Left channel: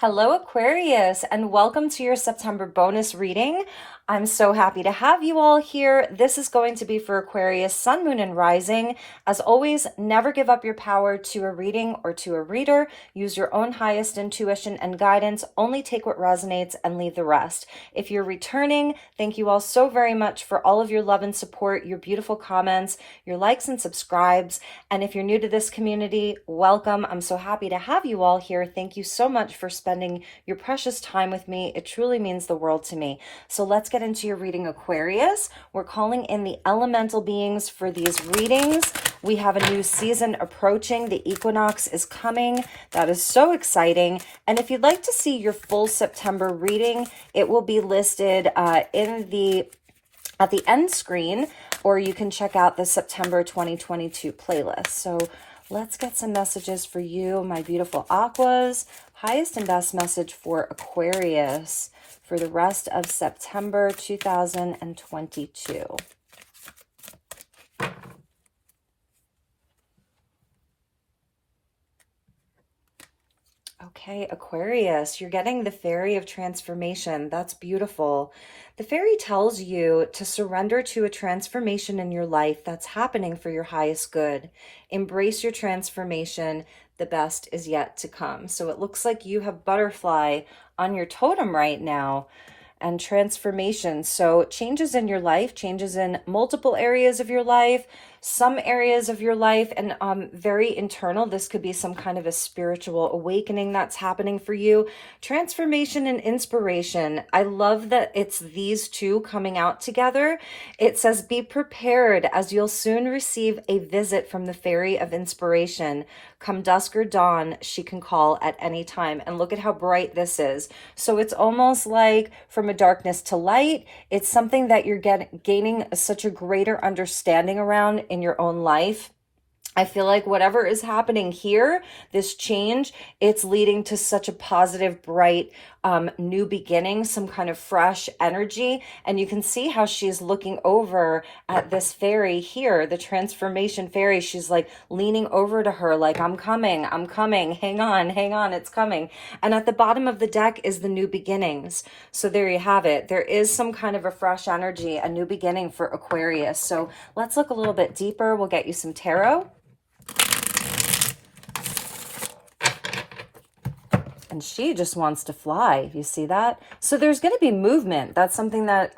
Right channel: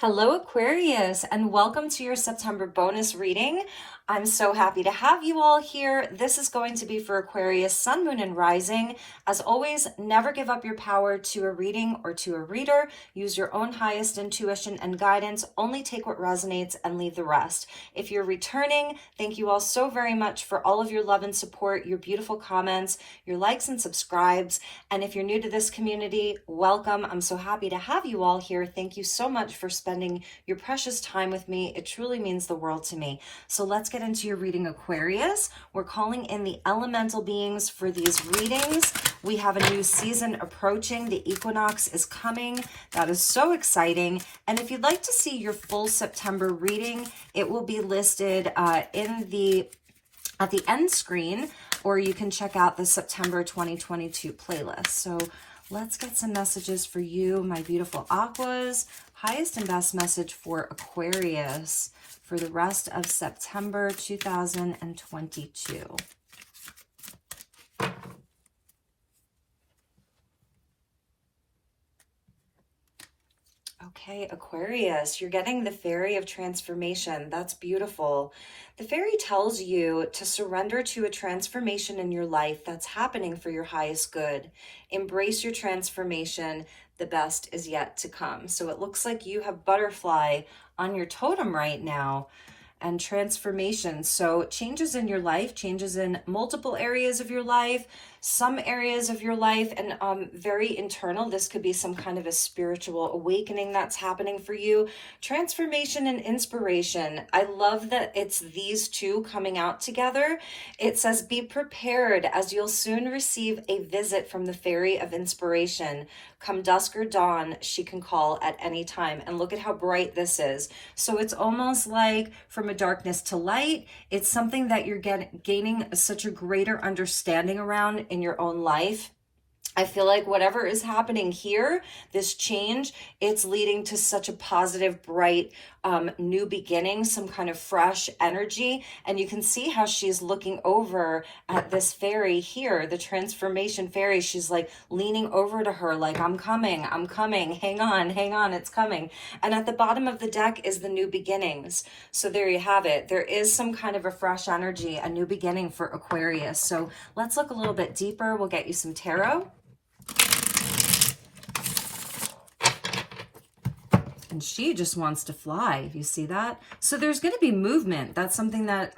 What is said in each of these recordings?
Hello, Aquarius, and welcome to your September bonus reading. I'm so happy to have you all here. This is going to be for Aquarius, Sun, Moon, and Rising. As always, never give up your power to a reading or to a reader. Use your own highest intuition and guidance. Only take what resonates and leave the rest. If you're returning, thank you all so very much for all of your love and support, your beautiful comments, your likes and subscribes. And if you're new to this community, welcome. I'm so happy to have you all here. Thank you so much for spending your precious time with me. It truly means the world to me. So let's get into your reading, Aquarius. We're calling in the elemental beings for these readings. We have a new season approaching. The equinox is coming. That is so exciting. And if you'd like to see your full September reading, it will be listed at the end screen, or you can check out the September 2022 playlist. So let's get some messages for you, my beautiful Aquas. Highest and best message for Aquarius for the rest of September 2022. Okay, Aquarius, you're getting the Fairy of Transformation. That's beautiful. The fairy tells you to surrender to a transformation in your life that's happening for your highest good. Embrace your transformation. The best is yet to come. So it looks like you have butterfly on your totem right now and transformation. So changes in your life, changes in multiple areas of your life, some areas of your life, and very internal. This could be some kind of a spiritual awakening that's happening for you. Transformation and inspiration. I love that it's these two coming out together. It says, be prepared as you'll soon receive a visit from the Fairy of Inspiration. Come dusk or dawn, she can call at any time. And look at how bright this is. So it's almost like from a darkness to light. It's something that you're gaining such a greater understanding around in your own life. I feel like whatever is happening here, this change, it's leading to such a positive, bright, new beginning, some kind of fresh energy. And you can see how she's looking over at this fairy here, the transformation fairy. She's like leaning over to her like, I'm coming, hang on, it's coming. And at the bottom of the deck is the new beginnings. So there you have it. There is some kind of a fresh energy, a new beginning for Aquarius. So let's look a little bit deeper. We'll get you some tarot. And she just wants to fly. You see that? So there's going to be movement. That's something that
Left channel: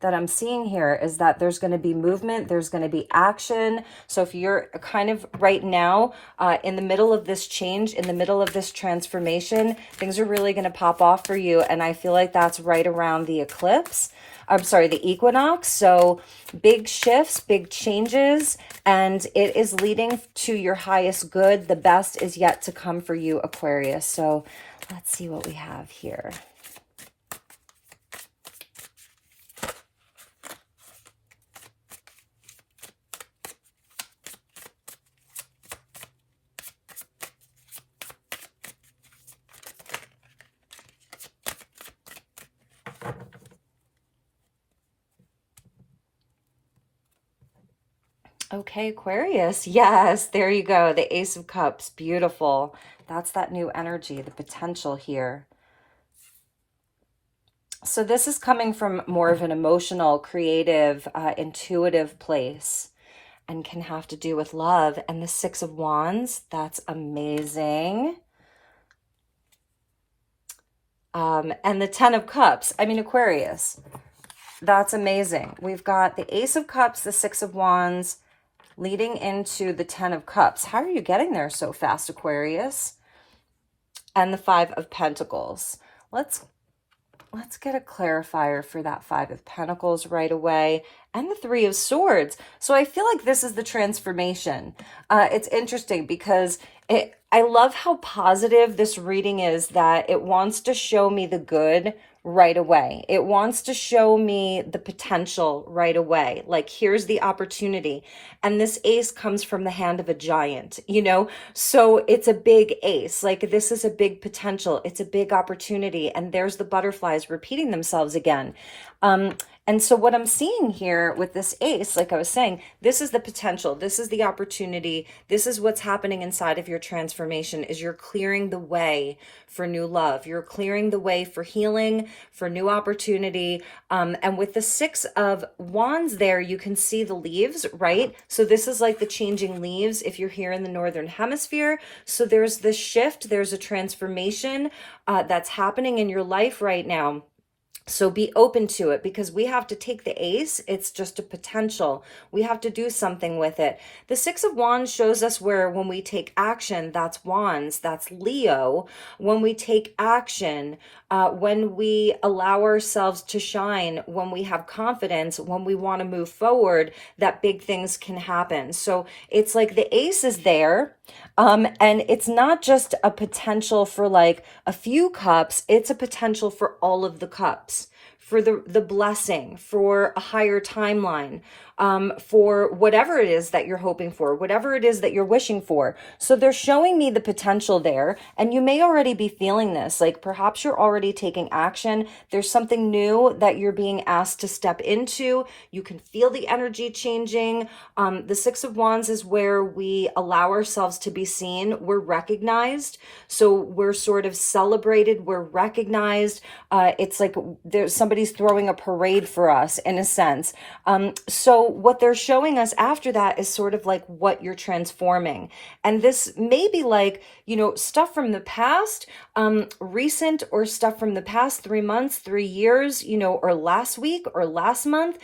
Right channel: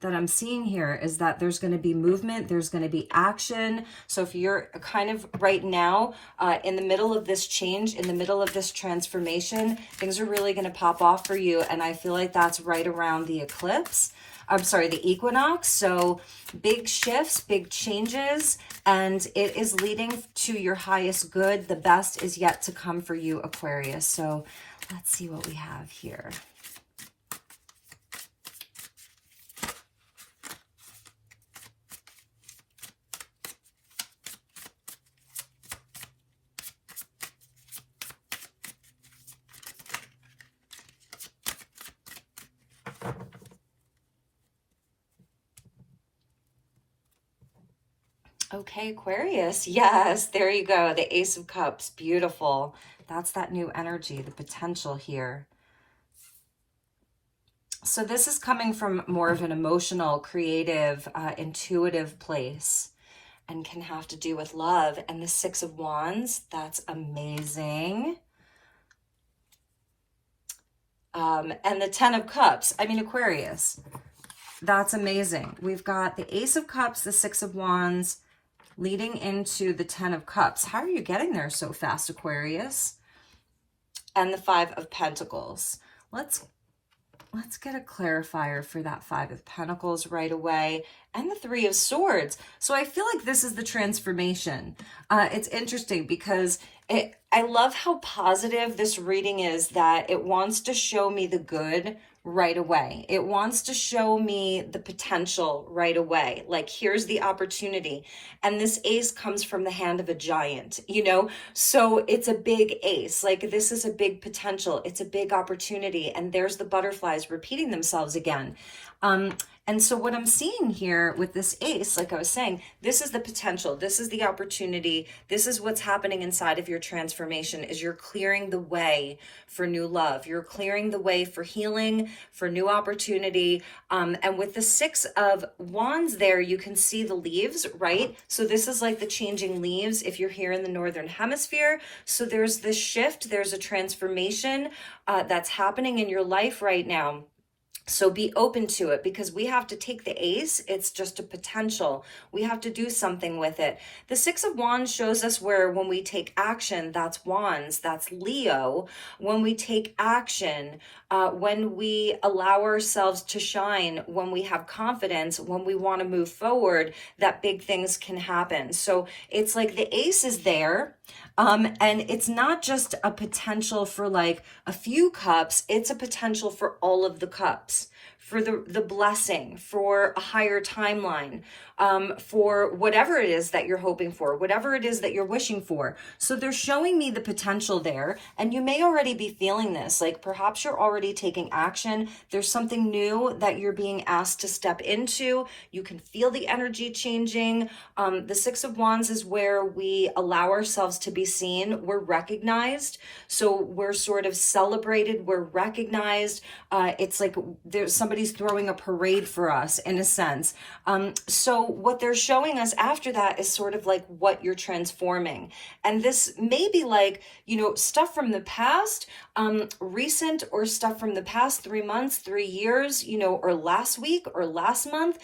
that I'm seeing here, is that there's going to be movement. There's going to be action. So if you're kind of right now in the middle of this change, in the middle of this transformation, things are really going to pop off for you. And I feel like that's right around the eclipse. I'm sorry, the equinox. So big shifts, big changes, and it is leading to your highest good. The best is yet to come for you, Aquarius. So let's see what we have here. Okay, Aquarius. Yes, there you go. The Ace of Cups. Beautiful. That's that new energy, the potential here. So this is coming from more of an emotional, creative, intuitive place, and can have to do with love. And the Six of Wands, that's amazing. And the Ten of Cups. I mean, Aquarius, that's amazing. We've got the Ace of Cups, the Six of Wands, leading into the Ten of Cups. How are you getting there so fast, Aquarius? And the Five of Pentacles. Let's get a clarifier for that Five of Pentacles right away. And the Three of Swords. So I feel like this is the transformation. It's interesting because I love how positive this reading is, that it wants to show me the good right away. It wants to show me the potential right away. Like, here's the opportunity. And this ace comes from the hand of a giant, you know? So it's a big ace. Like, this is a big potential. It's a big opportunity. And there's the butterflies repeating themselves again. And so what I'm seeing here with this ace, like I was saying, this is the potential, this is the opportunity, this is what's happening inside of your transformation, is you're clearing the way for new love. You're clearing the way for healing, for new opportunity. And with the Six of Wands there, you can see the leaves, right? So this is like the changing leaves if you're here in the Northern Hemisphere. So there's this shift, there's a transformation that's happening in your life right now. So be open to it, because we have to take the ace. It's just a potential. We have to do something with it. The Six of Wands shows us where when we take action, that's Wands, that's Leo. When we take action, when we allow ourselves to shine, when we have confidence, when we want to move forward, that big things can happen. So it's like the ace is there. And it's not just a potential for like a few cups, it's a potential for all of the cups, for the blessing, for a higher timeline, for whatever it is that you're hoping for, whatever it is that you're wishing for. So they're showing me the potential there. And you may already be feeling this, like perhaps you're already taking action. There's something new that you're being asked to step into. You can feel the energy changing. The Six of Wands is where we allow ourselves to be seen. We're recognized. So we're sort of celebrated. We're recognized. It's like there's somebody's throwing a parade for us in a sense. So what they're showing us after that is sort of like what you're transforming. And this may be like, stuff from the past, recent, or stuff from the past 3 months, 3 years, or last week or last month.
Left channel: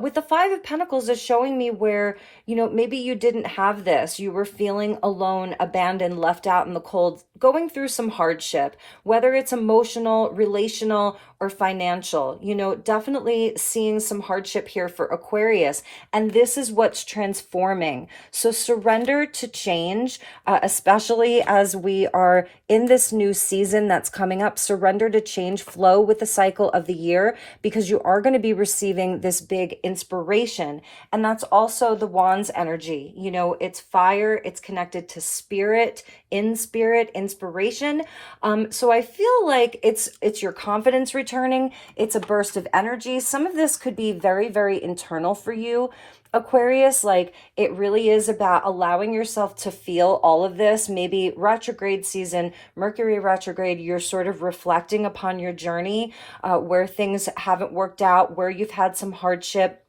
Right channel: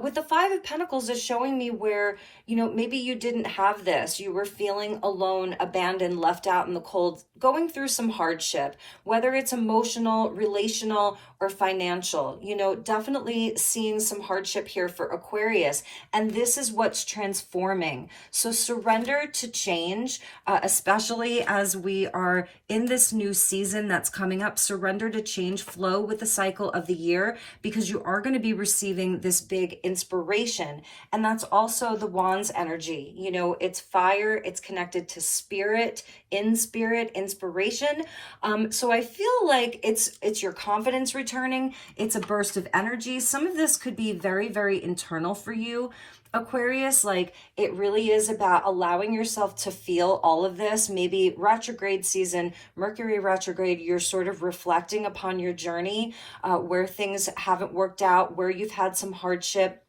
With the Five of Pentacles is showing me where, maybe you didn't have this. You were feeling alone, abandoned, left out in the cold, going through some hardship, whether it's emotional, relational, or financial, definitely seeing some hardship here for Aquarius. And this is what's transforming. So surrender to change, especially as we are in this new season that's coming up. Surrender to change, flow with the cycle of the year, because you are going to be receiving this big inspiration. And that's also the Wands energy. It's fire, it's connected to spirit, inspiration. So I feel like it's your confidence returning. It's a burst of energy. Some of this could be very, very internal for you, Aquarius. Like it really is about allowing yourself to feel all of this. Maybe retrograde season, Mercury retrograde, you're sort of reflecting upon your journey, where things haven't worked out, where you've had some hardship,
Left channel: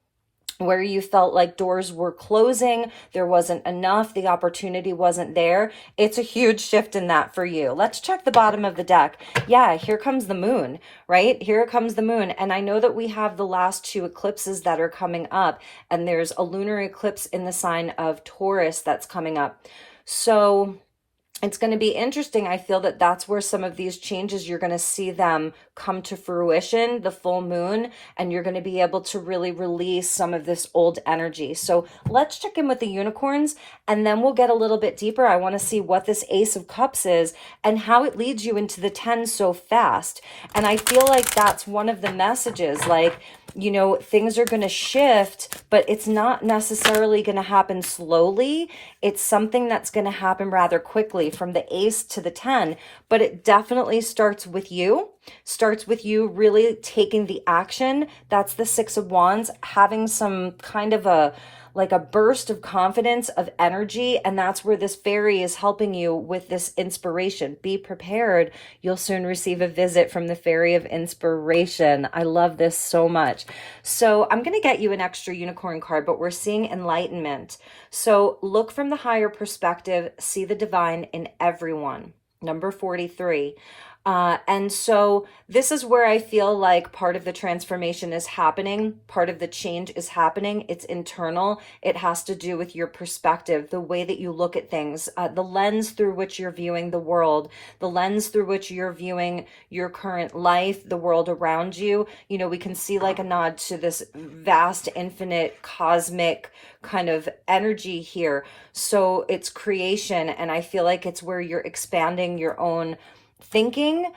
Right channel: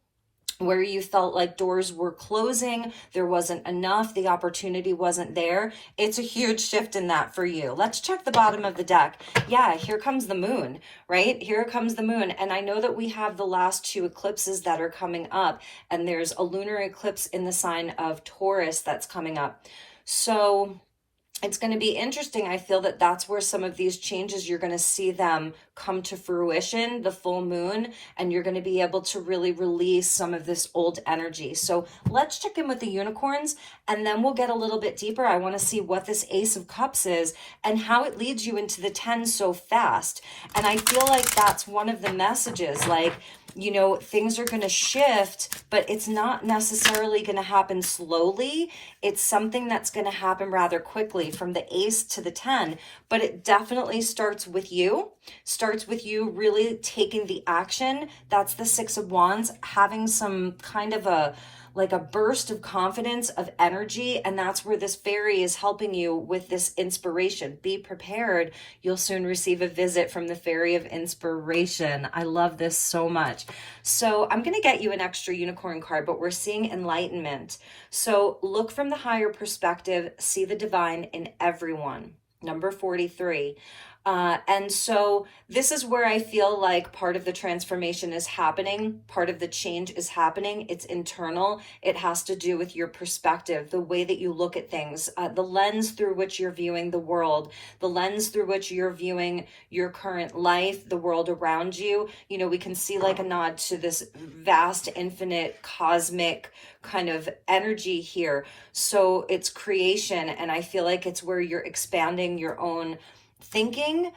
where you felt like doors were closing, there wasn't enough, the opportunity wasn't there. It's a huge shift in that for you. Let's check the bottom of the deck. Yeah, here comes the moon, right? Here comes the moon. And I know that we have the last two eclipses that are coming up, and there's a lunar eclipse in the sign of Taurus that's coming up. So it's going to be interesting. I feel that that's where some of these changes, you're going to see them come to fruition, the full moon, and you're going to be able to really release some of this old energy. So let's check in with the unicorns, and then we'll get a little bit deeper. I want to see what this Ace of Cups is and how it leads you into the 10 so fast. And I feel like that's one of the messages, like, things are going to shift, but it's not necessarily going to happen slowly. It's something that's going to happen rather quickly from the Ace to the 10, but it definitely starts with you really taking the action. That's the Six of Wands, having some kind of a burst of confidence, of energy, and that's where this fairy is helping you with this inspiration. Be prepared. You'll soon receive a visit from the fairy of inspiration. I love this so much. So I'm going to get you an extra unicorn card, but we're seeing enlightenment. So look from the higher perspective, see the divine in everyone. Number 43. And so this is where I feel like part of the transformation is happening. Part of the change is happening. It's internal. It has to do with your perspective, the way that you look at things, the lens through which you're viewing the world, the lens through which you're viewing your current life, the world around you. We can see like a nod to this vast, infinite, cosmic kind of energy here. So it's creation. And I feel like it's where you're expanding your own thinking.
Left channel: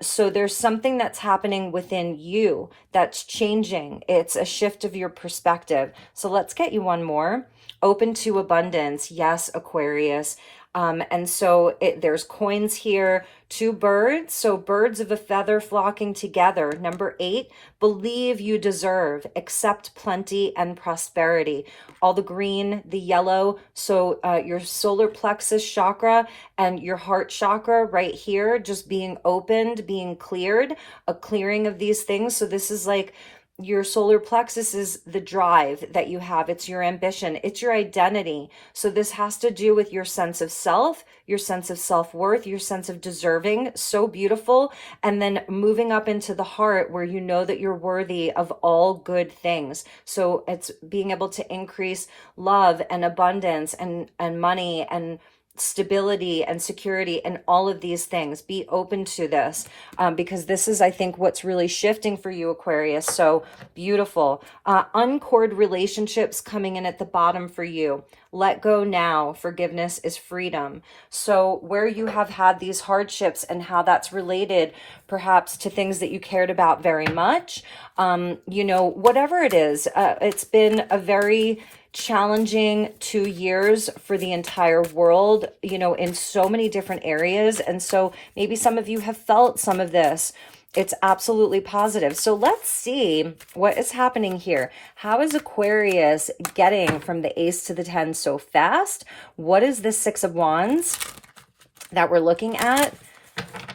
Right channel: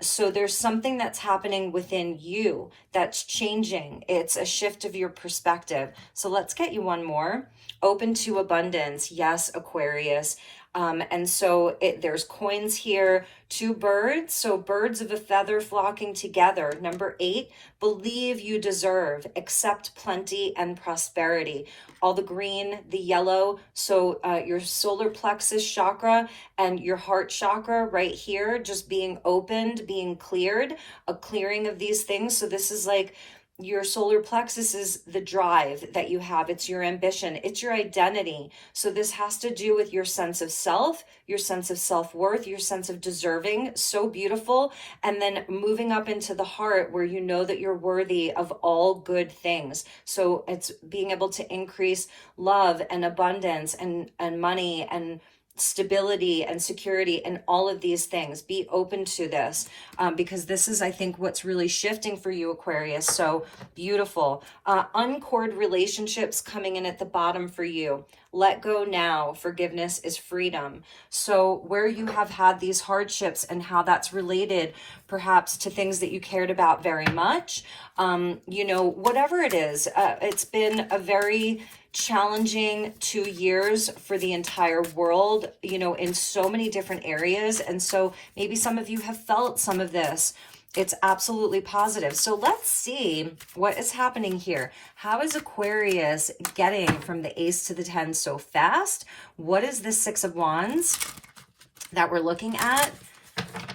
So there's something that's happening within you that's changing. It's a shift of your perspective. So let's get you one more. Open to abundance. Yes, Aquarius. And so there's coins here, two birds, so birds of a feather flocking together. Number 8, believe you deserve, accept plenty and prosperity. All the green, the yellow, so your solar plexus chakra and your heart chakra right here, just being opened, being cleared, a clearing of these things. So this is like, your solar plexus is the drive that you have. It's your ambition. It's your identity. So this has to do with your sense of self, your sense of self-worth, your sense of deserving. So beautiful. And then moving up into the heart where you know that you're worthy of all good things. So it's being able to increase love and abundance and money and stability and security and all of these things. Be open to this because this is, I think, what's really shifting for you, Aquarius. So beautiful. Uncored relationships coming in at the bottom for you. Let go now. Forgiveness is freedom. So where you have had these hardships and how that's related perhaps to things that you cared about very much, you know, whatever it is, it's been a very challenging 2 years for the entire world, you know, in so many different areas. And so maybe some of you have felt some of this. It's absolutely positive. So let's see what is happening here. How is Aquarius getting from the Ace to the 10 so fast? What is the 6 of Wands that we're looking at?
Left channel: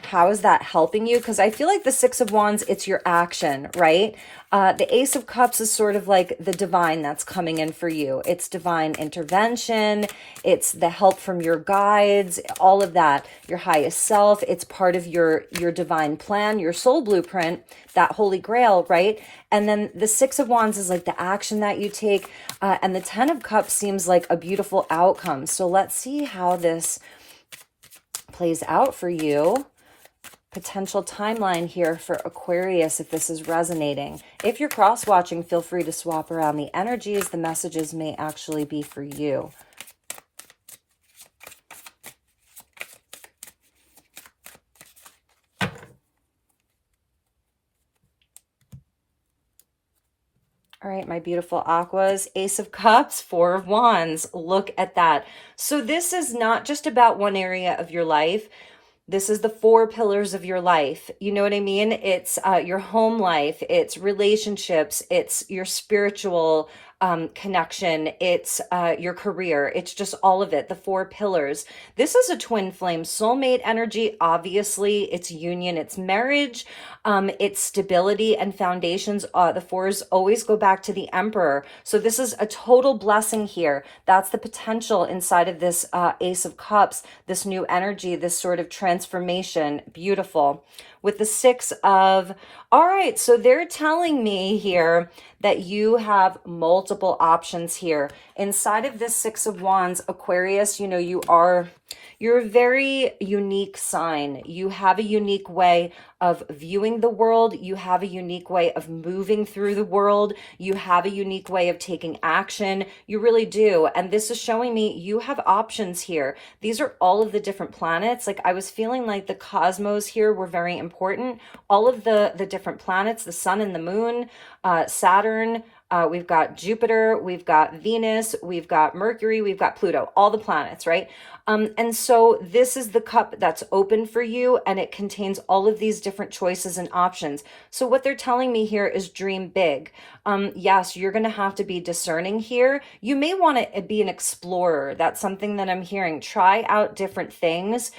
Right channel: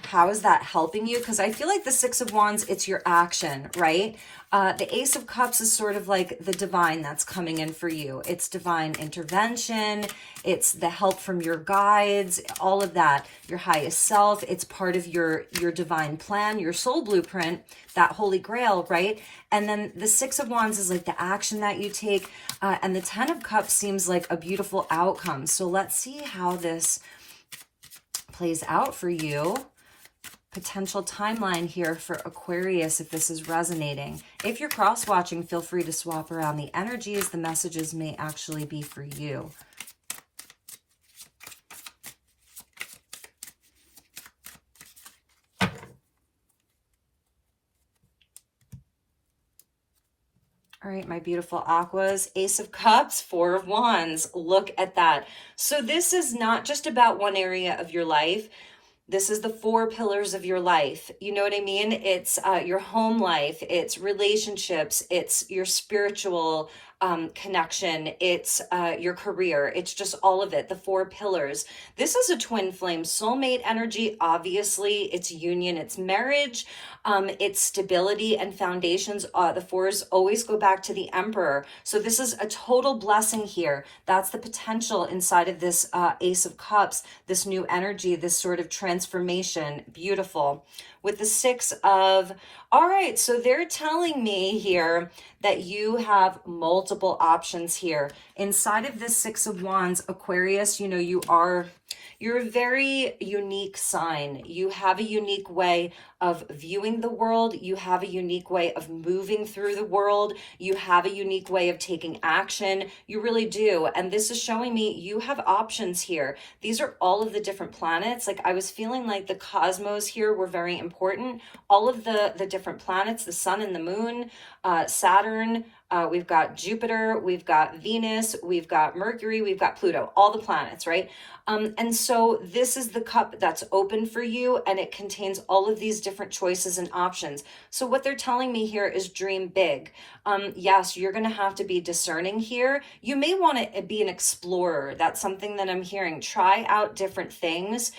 How is that helping you? Because I feel like the 6 of Wands, it's your action, right? The Ace of Cups is sort of like the divine that's coming in for you. It's divine intervention. It's the help from your guides, all of that, your highest self. It's part of your divine plan, your soul blueprint, that holy grail, right? And then the 6 of Wands is like the action that you take. And the 10 of Cups seems like a beautiful outcome. So let's see how this plays out for you. Potential timeline here for Aquarius if this is resonating. If you're cross-watching, feel free to swap around the energies. The messages may actually be for you. All right, my beautiful aquas. Ace of Cups, 4 of Wands. Look at that. So this is not just about one area of your life. This is the 4 pillars of your life. You know what I mean? It's your home life. It's relationships. It's your spiritual connection. It's your career. It's just all of it, the 4 pillars. This is a twin flame soulmate energy. Obviously, it's union, it's marriage, it's stability and foundations. The 4s always go back to the Emperor. So this is a total blessing here. That's the potential inside of this Ace of Cups, this new energy, this sort of transformation. Beautiful. With the 6 of, all right, so they're telling me here that you have multiple options here. Inside of this 6 of Wands, Aquarius, you know, you're a very unique sign. You have a unique way of viewing the world. You have a unique way of moving through the world. You have a unique way of taking action. You really do. And this is showing me you have options here. These are all of the different planets. Like I was feeling like the cosmos here were very important. All of the different planets, the sun and the moon, Saturn, we've got Jupiter, we've got Venus, we've got Mercury, we've got Pluto, all the planets, right? And so this is the cup that's open for you, and it contains all of these different choices and options. So what they're telling me here is dream big. Yes, you're going to have to be discerning here. You may want to be an explorer. That's something that I'm hearing. Try out different things.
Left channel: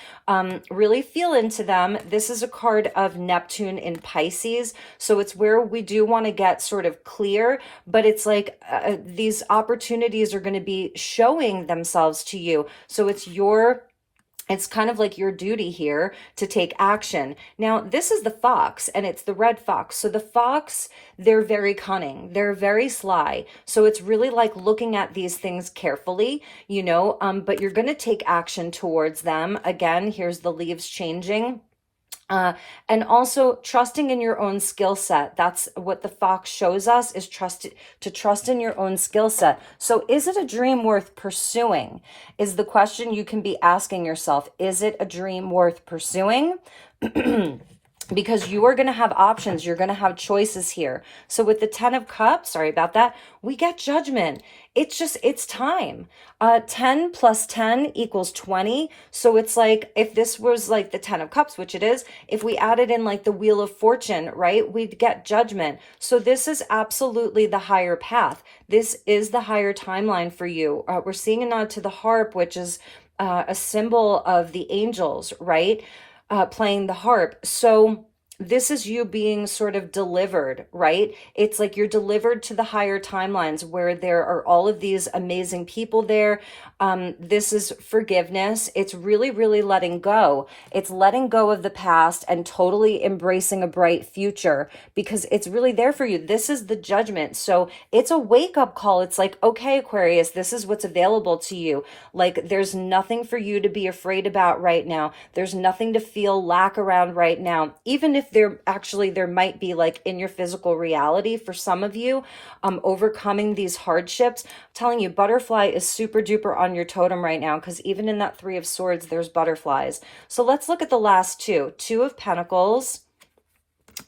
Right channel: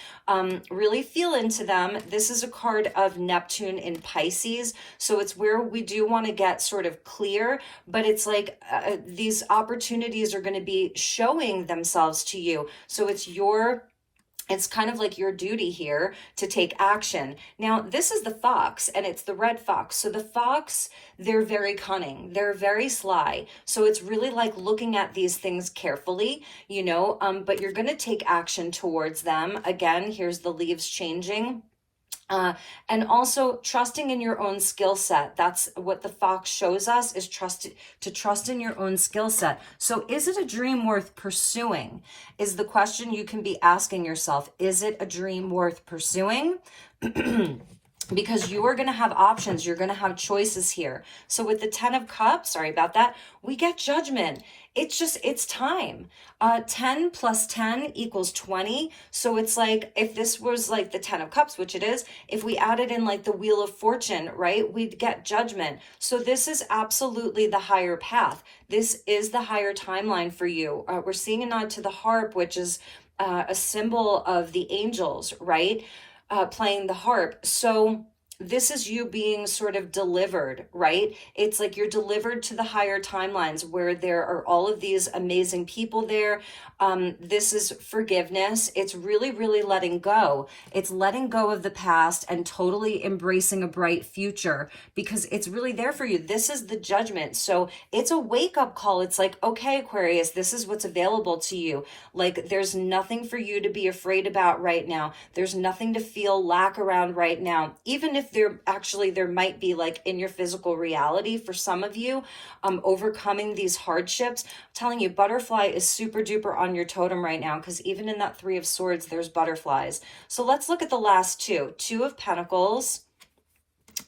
Really feel into them. This is a card of Neptune in Pisces. So it's where we do want to get sort of clear, but it's like these opportunities are going to be showing themselves to you. So it's kind of like your duty here to take action. Now, this is the fox, and it's the red fox. So the fox, they're very cunning. They're very sly. So it's really like looking at these things carefully, you know, but you're going to take action towards them. Again, here's the leaves changing. And also trusting in your own skill set. That's what the fox shows us, is to trust in your own skill set. So is it a dream worth pursuing? Is the question you can be asking yourself. Is it a dream worth pursuing? because you are going to have options. You're going to have choices here. So with the 10 of Cups, sorry about that, we get judgment. It's time. 10 plus 10 equals 20. So it's like, if this was like the 10 of Cups, which it is, if we added in like the Wheel of Fortune, right, we'd get judgment. So this is absolutely the higher path. This is the higher timeline for you. We're seeing a nod to the harp, which is a symbol of the angels, right? Playing the harp. So this is you being sort of delivered, right? It's like you're delivered to the higher timelines where there are all of these amazing people there. This is forgiveness. It's really, really letting go. It's letting go of the past and totally embracing a bright future, because it's really there for you. This is the judgment. So it's a wake-up call. It's like, okay, Aquarius, this is what's available to you. Like, there's nothing for you to be afraid about right now. There's nothing to feel lack around right now. Even if there might be, like, in your physical reality for some of you, overcoming these hardships. I'm telling you, butterfly is super duper on your totem right now, because even in that 3 of Swords, there's butterflies. So let's look at the last two. 2 of Pentacles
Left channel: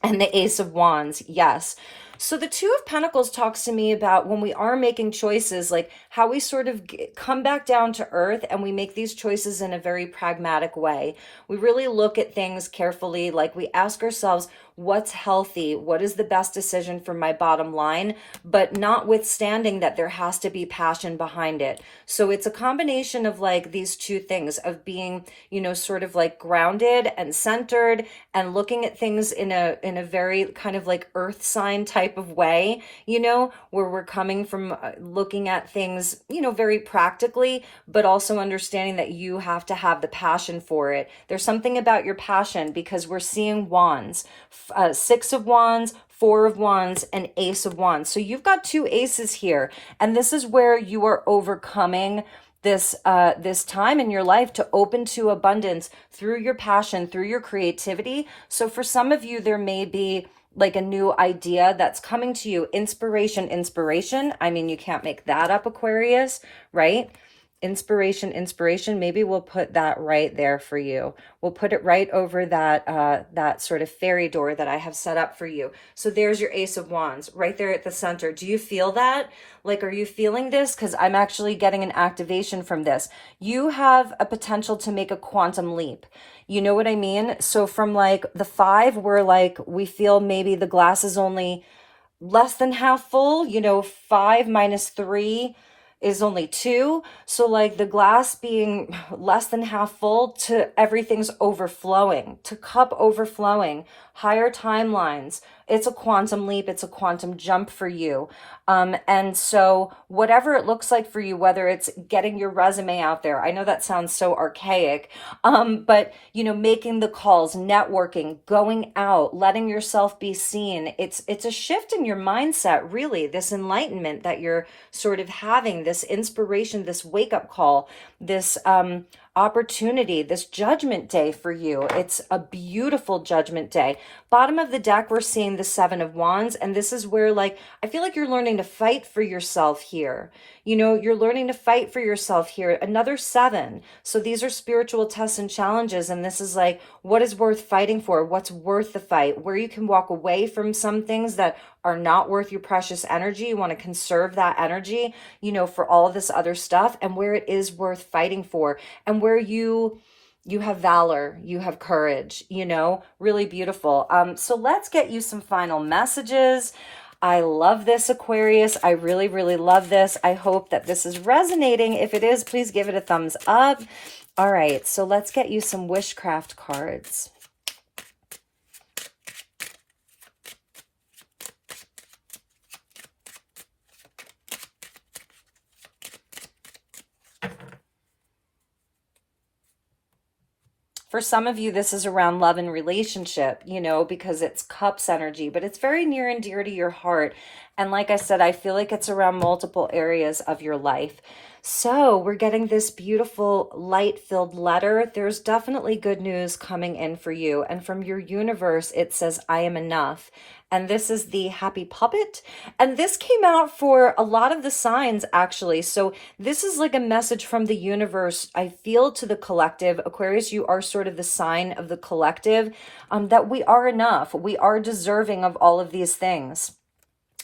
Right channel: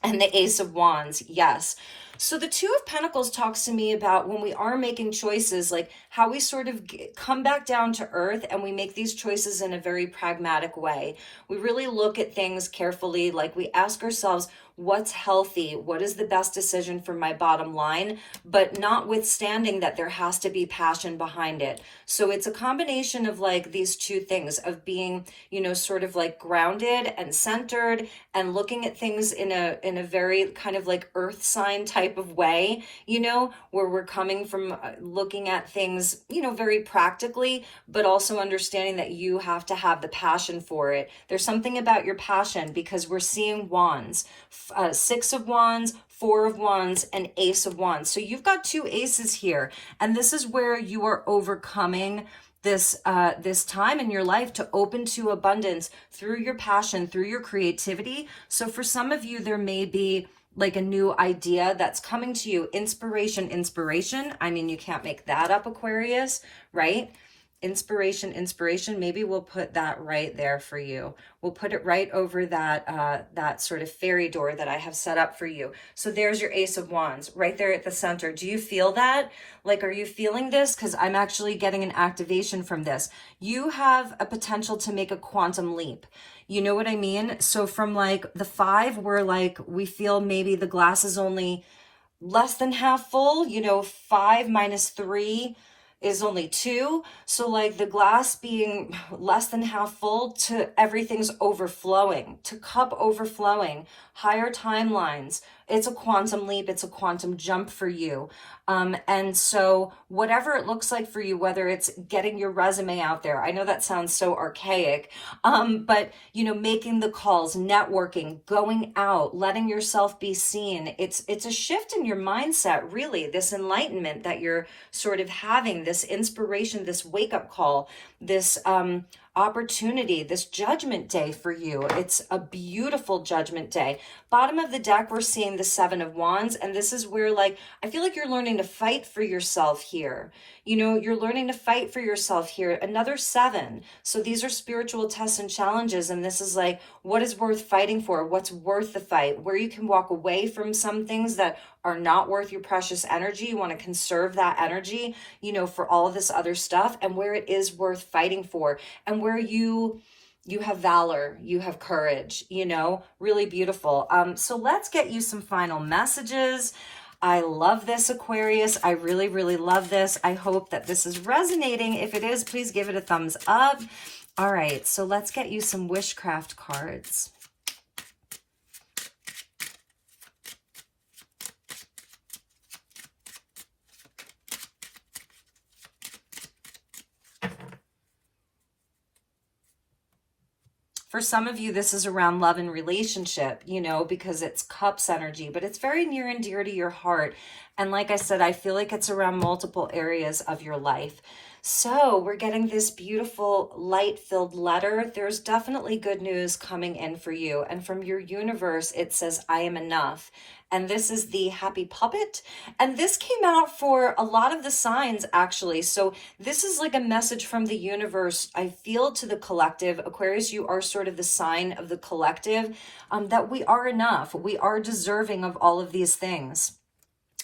and the Ace of Wands. Yes. So the 2 of Pentacles talks to me about when we are making choices, like how we sort of come back down to earth and we make these choices in a very pragmatic way. We really look at things carefully, like we ask ourselves, what's healthy? What is the best decision for my bottom line? But notwithstanding that there has to be passion behind it. So it's a combination of like these two things of being, sort of like grounded and centered and looking at things in a very kind of like earth sign type of way, where we're coming from looking at things, very practically, but also understanding that you have to have the passion for it. There's something about your passion, because we're seeing wands. 6 of Wands, 4 of Wands, and Ace of Wands. So you've got 2 aces here, and this is where you are overcoming this time in your life to open to abundance through your passion, through your creativity. So for some of you, there may be like a new idea that's coming to you. Inspiration. I mean, you can't make that up, Aquarius, right? Inspiration. Maybe we'll put that right there for you. We'll put it right over that sort of fairy door that I have set up for you. So there's your Ace of Wands right there at the center. Do you feel that? Like, are you feeling this? Because I'm actually getting an activation from this. You have a potential to make a quantum leap. You know what I mean? So from like the 5, where like we feel maybe the glass is only less than half full, 5 minus 3 is only 2. So like the glass being less than half full to everything's overflowing, to cup overflowing, higher timelines. It's a quantum leap. It's a quantum jump for you. And so whatever it looks like for you, whether it's getting your resume out there, I know that sounds so archaic, but making the calls, networking, going out, letting yourself be seen. It's a shift in your mindset, really, this enlightenment that you're sort of having, this inspiration, this wake-up call, this opportunity, this judgment day for you. It's a beautiful judgment day. Bottom of the deck, we're seeing the 7 of Wands, and this is where, like, I feel like you're learning to fight for yourself here. You're learning to fight for yourself here. Another 7. So these are spiritual tests and challenges, and this is like, what is worth fighting for? What's worth the fight? Where you can walk away from some things that are not worth your precious energy. You want to conserve that energy, for all of this other stuff, and where it is worth fighting for, and where you have valor, you have courage, really beautiful. So let's get you some final messages. I love this, Aquarius. I really, really love this. I hope that this is resonating. If it is, please give it a thumbs up. All right, so let's get you some wishcraft cards. For some of you, this is around love and relationship, because it's cups energy, but it's very near and dear to your heart. And like I said, I feel like it's around multiple areas of your life. So we're getting this beautiful light-filled letter. There's definitely good news coming in for you. And from your universe, it says, I am enough. And this is the happy puppet. And this came out for a lot of the signs, actually. So this is like a message from the universe, I feel, to the collective. Aquarius, you are sort of the sign of the collective, that we are enough. We are deserving of all of these things.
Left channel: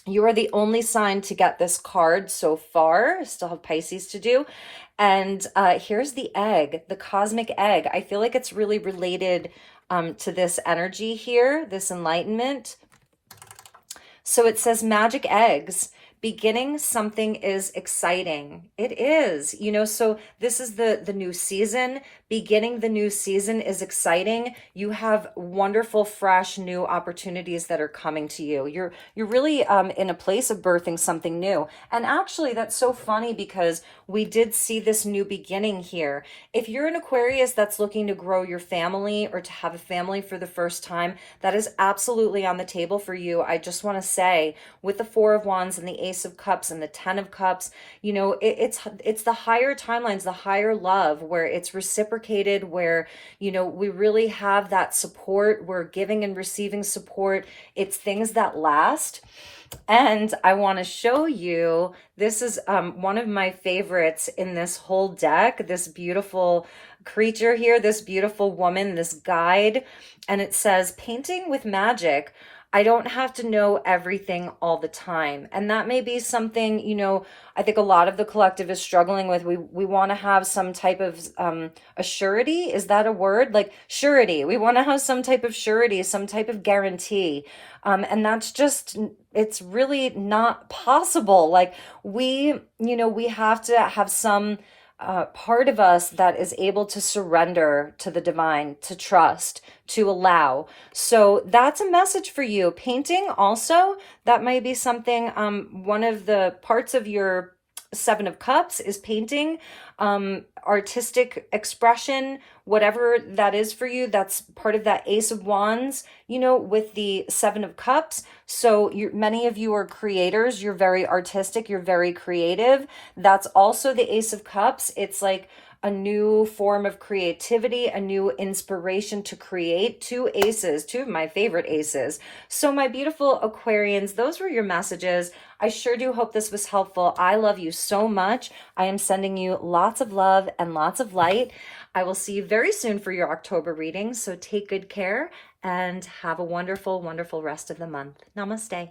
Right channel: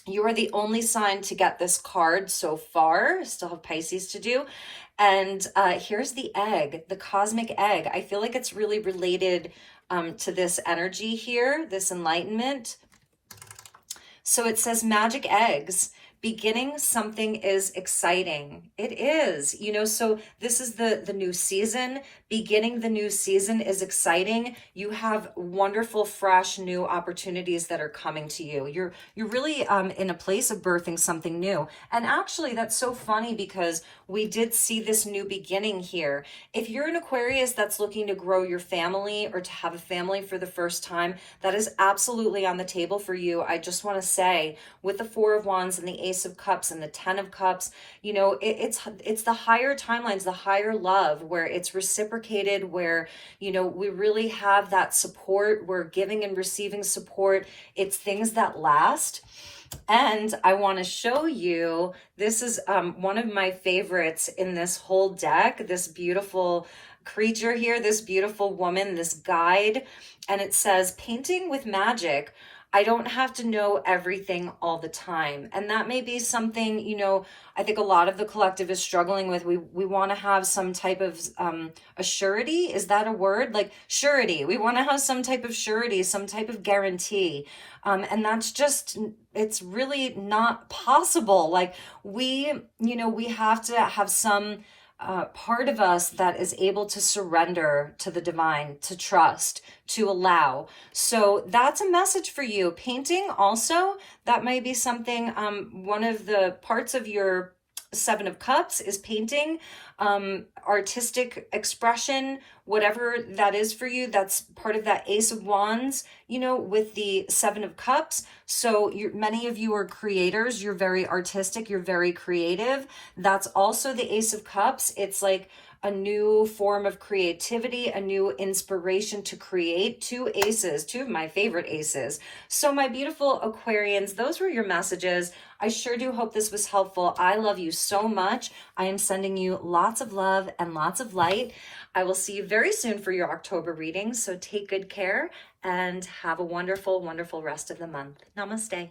You are the only sign to get this card so far. Still have Pisces to do. And here's the egg, the cosmic egg. I feel like it's really related to this energy here, this enlightenment. So it says magic eggs. Beginning something is exciting. It is, so this is the new season. Beginning the new season is exciting. You have wonderful, fresh, new opportunities that are coming to you. You're really in a place of birthing something new. And actually, that's so funny because we did see this new beginning here. If you're an Aquarius that's looking to grow your family or to have a family for the first time, that is absolutely on the table for you. I just want to say, with the Four of Wands and the Ace of Cups and the Ten of Cups, it's the higher timelines, the higher love, where it's reciprocated, where we really have that support. We're giving and receiving support. It's things that last. And I want to show you, this is one of my favorites in this whole deck, this beautiful creature here, this beautiful woman, this guide. And it says, painting with magic. I don't have to know everything all the time. And that may be something, I think a lot of the collective is struggling with. We want to have some type of a surety. Is that a word? Like surety. We want to have some type of surety, some type of guarantee. And that's just, it's really not possible. Like we have to have some part of us that is able to surrender to the divine, to trust, to allow. So that's a message for you. Painting also, that might be something, one of the parts of your Seven of Cups is painting, artistic expression, whatever that is for you. That's part of that Ace of Wands, with the Seven of Cups. So many of you are creators. You're very artistic. You're very creative. That's also the Ace of Cups. It's like a new form of creativity, a new inspiration to create. Two aces, two of my favorite aces. So my beautiful Aquarians, those were your messages. I sure do hope this was helpful. I love you so much. I am sending you lots of love and lots of light. I will see you very soon for your October reading. So take good care and have a wonderful, wonderful rest of the month. Namaste.